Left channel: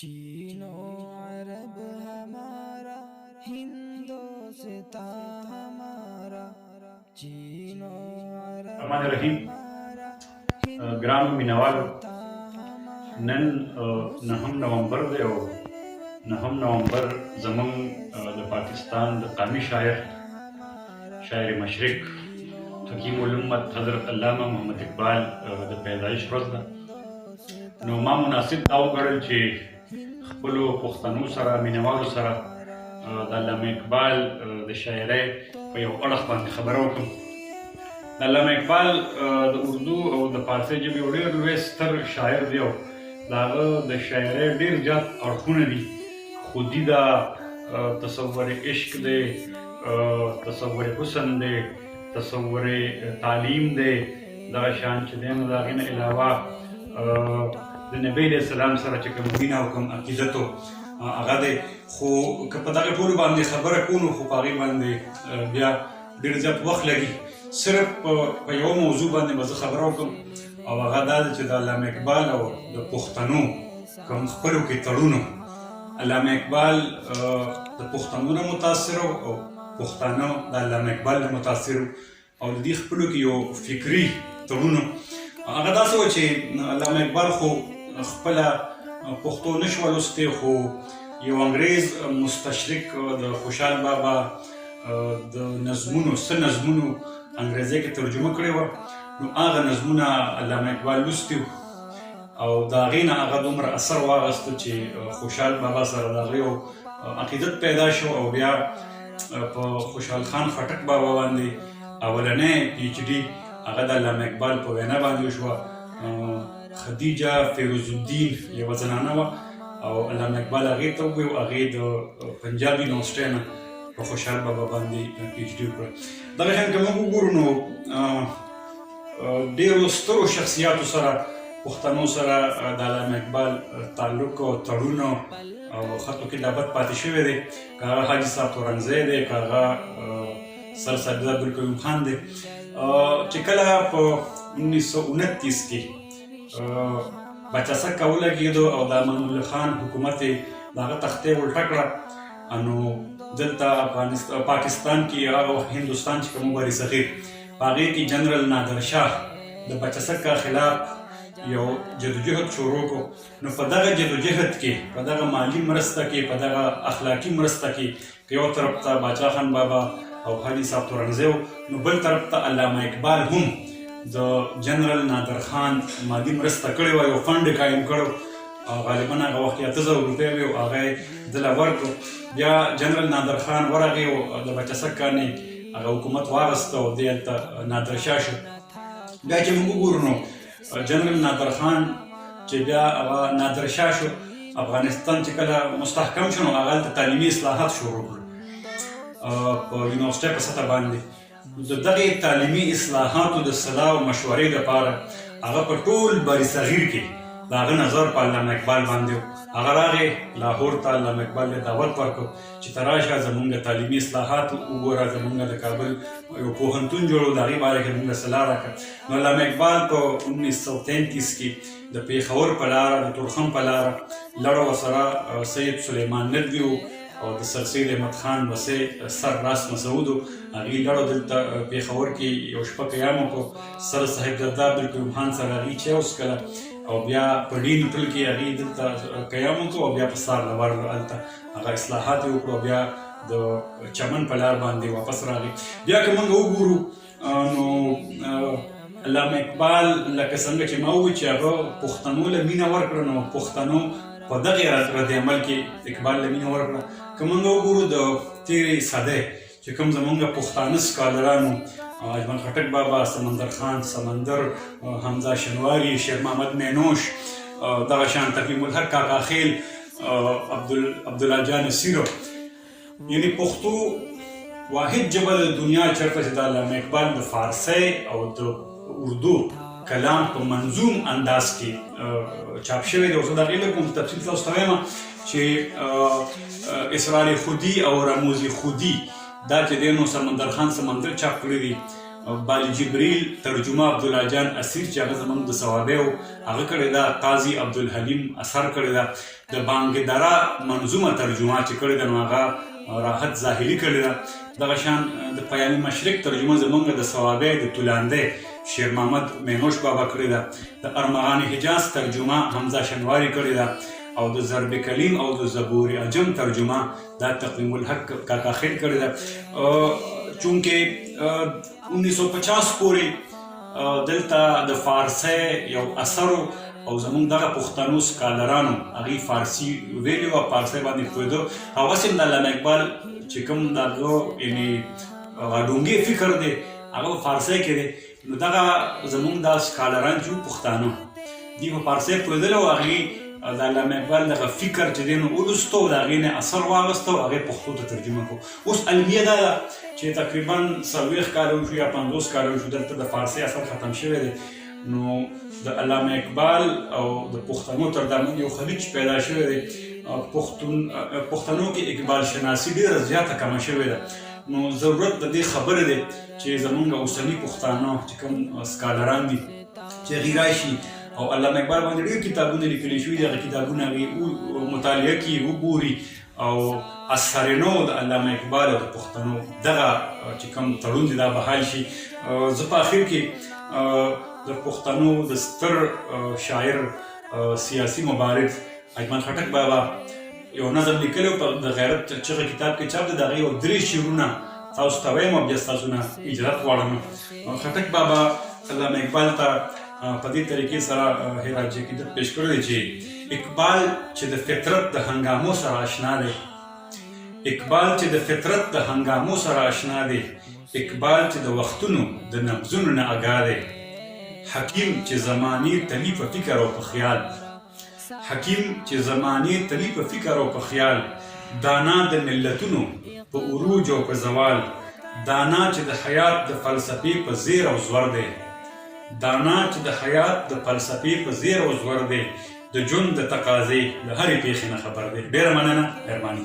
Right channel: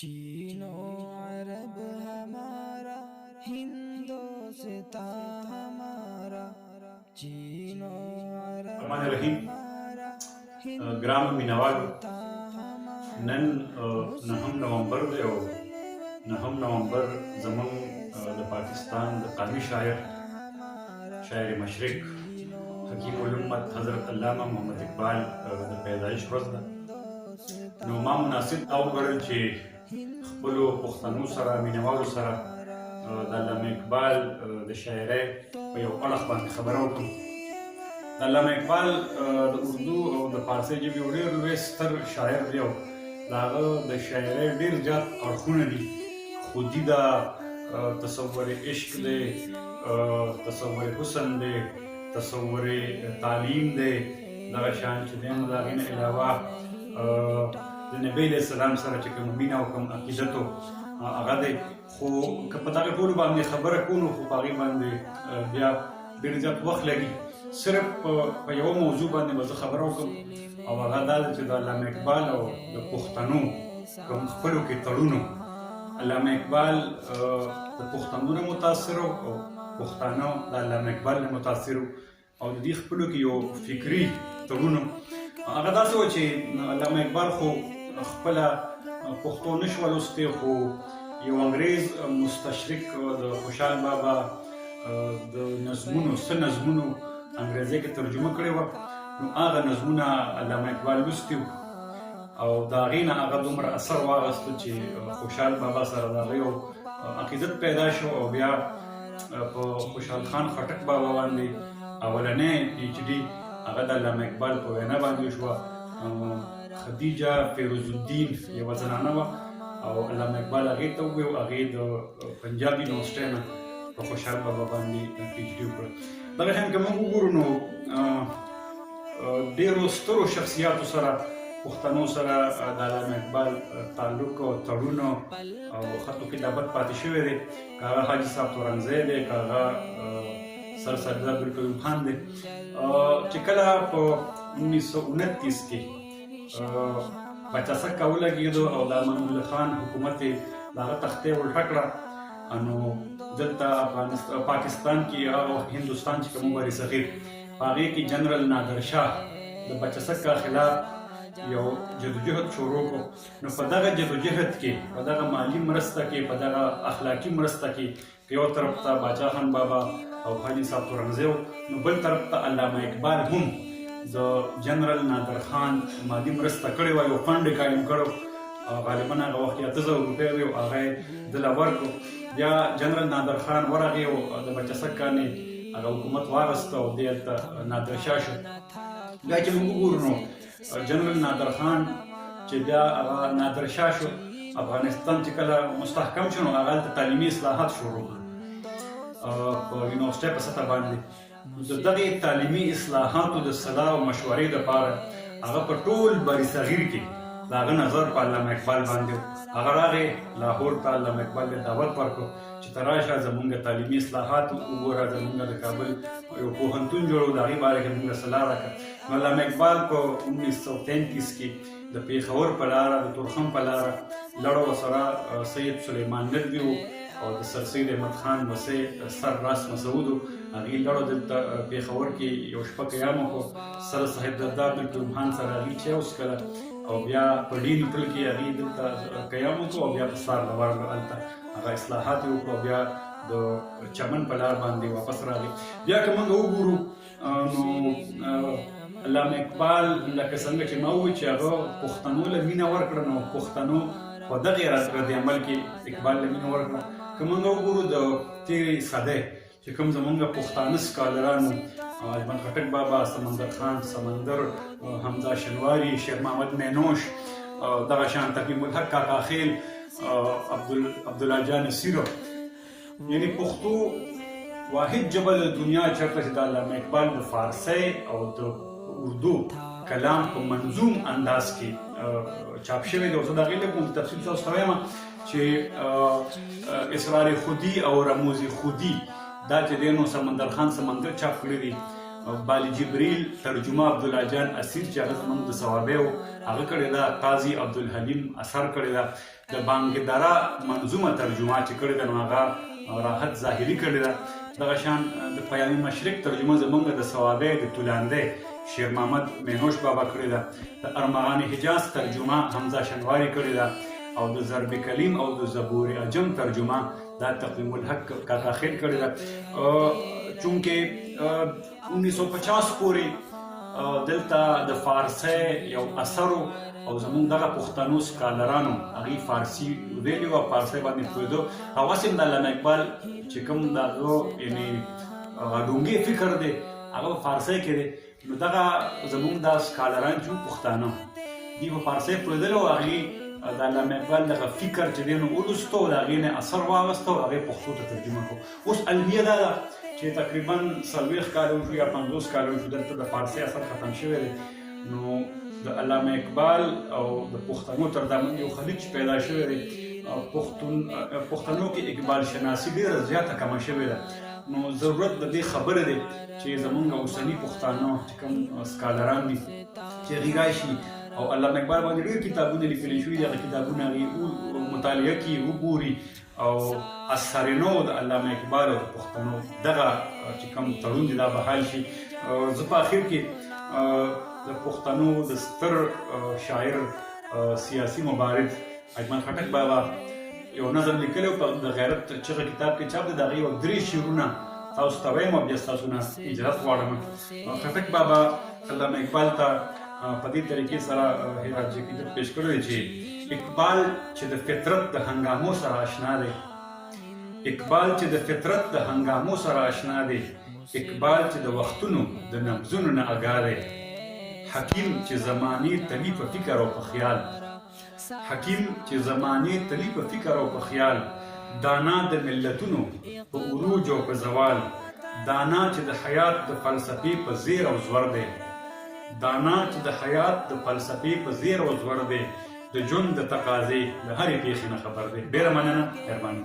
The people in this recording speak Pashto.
चीनो अरब हमारा, हिंदोस्ता हमारा, चीनो अरब हमारा, ګرانو مینوالو हिंदोस्ता हमारा. نن 9 نومبر دی او 9 نومبر زموږ د پاکستان د قومي شاعر مشرق حکیم الامت حضرت علامه محمد اقبال د پیدایش ورځ ده. نو ما مناسب دا وګڼل چې خپلو پښتنو سره مینوالو سره د علامه اقبال د شاعرۍ په یو اړخ باندې خبره وکړم. د علامه اقبال د اردو او د فارسي ژبې یو ډېر لوی ستر شاعر دی او د هغه د شاعرۍ ډېر زیات اړخونه دي. خودي ده، تصور عشق دی، تصور حسن دی، تصور تعلیم دی، دغه شان چې دی نو د هغې نه علاوه د نبي علیه السلام سره چې کوم مینه او کوم عقیدت هغه دی. خو که په دغه ټولو باندې خبره کوو نو خو په هغې باندې بیا ډېر زیات وخت لګي. صرف په یوه موضوع باندې به زه خبره وکړم او هغه دا ده چې د علامه اقبال او د پښتنو کوم خپلو کې تړون. علامه اقبال د پښتنو نه متاثر او پښتانه د علامه اقبال نه متاثر او د دې خپلو کې یو فکري تړون. هغه داسې و چې علامه اقبال خو خپله پښتو نشوه لوستی، خو یو انګریز مستشرق د خوشحال بابا د نظمونو څه نظمونو انګریزۍ کې ترجمه کړې وه، نو هغه نظمونه علامه اقبال لوستي وو او د هغې نه هغه دومره اثر واخیسته چې خوشحال بابا سره د هغه یو عقیدت پیدا شو او بیا په خوشحال خان خټک بابا باندې اولنۍ پی ایچ ډي هغه د علامه اقبال په وینا باندې وشوه. خدیجه فیروز الدین یوه زنانه وه او علامه اقبال هغې ته وویل، هغې د پنجاب یونیورسټۍ نه په خوشحال بابا باندې پی ایچ ډي وکړه. دغه شان که موږ وګورو نو ډېرو سترو شخصیاتو سره پښتنو سره د علامه اقبال تعلق او تړون او خط و کتابت پاتې شوی دی. که هغه حاجي صاحب تورنځی دی، که هغه سر سید عبدالکریم خان دی. چې کله په 1929 کې بچسکه ولګېدو او د امان الله خان حکومت یې د هغه تختې ولټه کړه، نو دلته پاکستان کې هغه وخت هندوستان چې کوم بر صغیر په هغې کې جنرال نادر شاه د بچسکه خلاف یو جدوجهد شروع کړو. نو په دغه جدوجهد کې، په دغه مالي مرسته کې، په دغه اخلاقي مرسته کې یو طرف ته باچا خان بابا او حاجي صاحب تورنځی و، نو بل طرف ته علامه اقبال هم د جنرال نادر خان مالي مرسته کړې وه، یو فنډ یې قایم کړی او غالبا هغه وخت 8000 روپۍ وې او هغه یې دله ورکړو. بیا جنرال نادر خان ورغی او د بچسک نه هغه حکومت واخیسته او دې هلته نادر شاه شو. بیا چې موږ وګورو نو جنرال نادر خان چې بیا هغه نادر شاه شو، افغانستان چې کله مستحکم شو نو هغه هلته تعلیمي اصلاحات شروع کړل په یونیورسټۍ په سطح باندې. د دغې تعلیمي اصلاحاتو د صلاح او مشورې لپاره هغه په ټول بر صغیر کې د هغه نظر په علامه اقبال باندې و. هغه راغی لاهور ته، علامه اقبال ته دعوت ورکړ چې ته راشه زموږ تعلیمي اصلاحات وګوره، زموږ د کابل یو پوهنتون جوړو، د هغې باره کې موږ صلاح راکړه. نو علامه اقبال په 1933 کې د پېښور په لاره، د تورخم په لاره لړ ورسره سید سلیمان ندوي و او د سر سید احمد خان وسی سر راس مسعود و، هغې لړو دلته پېښور کې یو شپه قیام وکړو. سر صاحب زاده عبدالکریم خان سره هغې چای وڅښله او بیا په ډین هوټل کې هغې دلته قیام وکړو او بیا په سهار نه ورغلو، هلته هغه اصلاحات یې وکړو، بیا د چمن په لار باندې واپس راغی. بیا که موږ وګورو نو علامه اقبال لکه څنګه چې ما وویل چې هغه پښتنو له مینه ورکړه، نو پښتنو په دغې رد عمل کې اقبال له مینه ورکړه. که موږ وګورو د تېرې صدۍ چې کوم زموږ پښتانه سکالرانو، اجمل خټک بابا، سمندر خان سمندر، حمزه شنواري، شیر محمد مینوش، دغه شان تقیم الحق کاکا خیل، عبدالله جان سیرو، یعنې پښتو واحد ژبه د دنیا چېرته چې د علامه اقبال د فارسۍ او د اردو کلام په منظوم انداز کې چاپ شوی دی. اوس د هغې لږ تفصیل تاسو ته وایم چې اسرار خودي او رموز خودي دا چې دی نو سمندر خان سمندر چاپ کړی دی بال جبریل ترجمه عبدالله جان اسیر چې هغه زموږ د ثوابیو هغه کړې ده. قاضي عبدالحلیم اثر کړې ده. د بانګدره منظومه ترجمه چې کړې ده نو هغه راحت ظاهري کړې ده. دغه شان د پیام مشرق ترجمه زموږ د ثوابی د طولانده شیر محمد مینوش بابا کړې ده. د ارمغان حجاز ترجمه حمزه شنواری کړې ده. او د ضرب کلیم او د زبور عجم ترجمه دا تقویم الحق کاکا خیر کړې ده. چونکه 1950 پورې دلته د فارسی یو اثر او زمونږ دغه پښتنو سکالرانو هغوی فارسي ویلي وو او فارسي باندې پوهېدو. هغسې هم د علامه اقبال چې کوم د هغه یعنې ډونګې فکر دی هغه په فارسي کې دی. نو دغه زمونږ دا سکالران چې وو پښتانه دوی په فارسي پوهېدل او هغوی د علامه اقبال دغه فکر چې دی نو ولوستو د هغې نه اثر واخیستو او هغې پښتو ته ترجمه کړو. اوس المیه دا ده چې تقریبا 40 کاله وشو یا 50 کاله وشو دلته د فارسي اثر ختم شوی دی. نو د علامه اقبال او د پښتنو تر دامن یو خلیج پیدا شوی دی. پښتنو کې اقبال شناسي ډېره زیاته کمه شوې ده. نو ضرورت د دې خبره دی چې زمونږ اوسني پښتانه چې کوم سکالران دي چې هغوی راشي او علامه اقبال باندې ډېر کتابونه لیکلي شوي دي. هغه کتابونه هغوی مطالعه کړي وګوري او اثرنو د علامه اقبال او د پښتنو دغه چې کوم تړون دی دا بحال شي. زه په اخر کې د پښتنو د ستر شاعر سیاسي مبارز اجمل خټک بابا یو نظم لیکلی په د غیرت چغه کتاب کې چاپ دی. د هغې یو 3 شعرونه تاسو ته وایم او بیا ستاسو نه اجازت غواړم. خټک بابا علامه اقبال ته په دې طریقې سره هراجي کې پیش کړی دی چې اقبال چې د فطرت د هنګامو سره آشنا دی. اقبال چې د فطرت د هنګامو سره آشنا دی. اقبال چې د وختونو د نبضونو نه آګاه دی. حکیم چې زمانې تلی په فکر او په خیال. حکیم چې زمانې تلی په فکر او په خیال. دانا د ملتونو په عروج او په زوال. دانا چې د حیات د فلسفې په زیر او زور دی. دانا چې د حیات د فلسفې په زیر او زور دی. د ژوند د تقاضې د هرې پېښې نه خبر دی. ډېره مننه، مهرباني.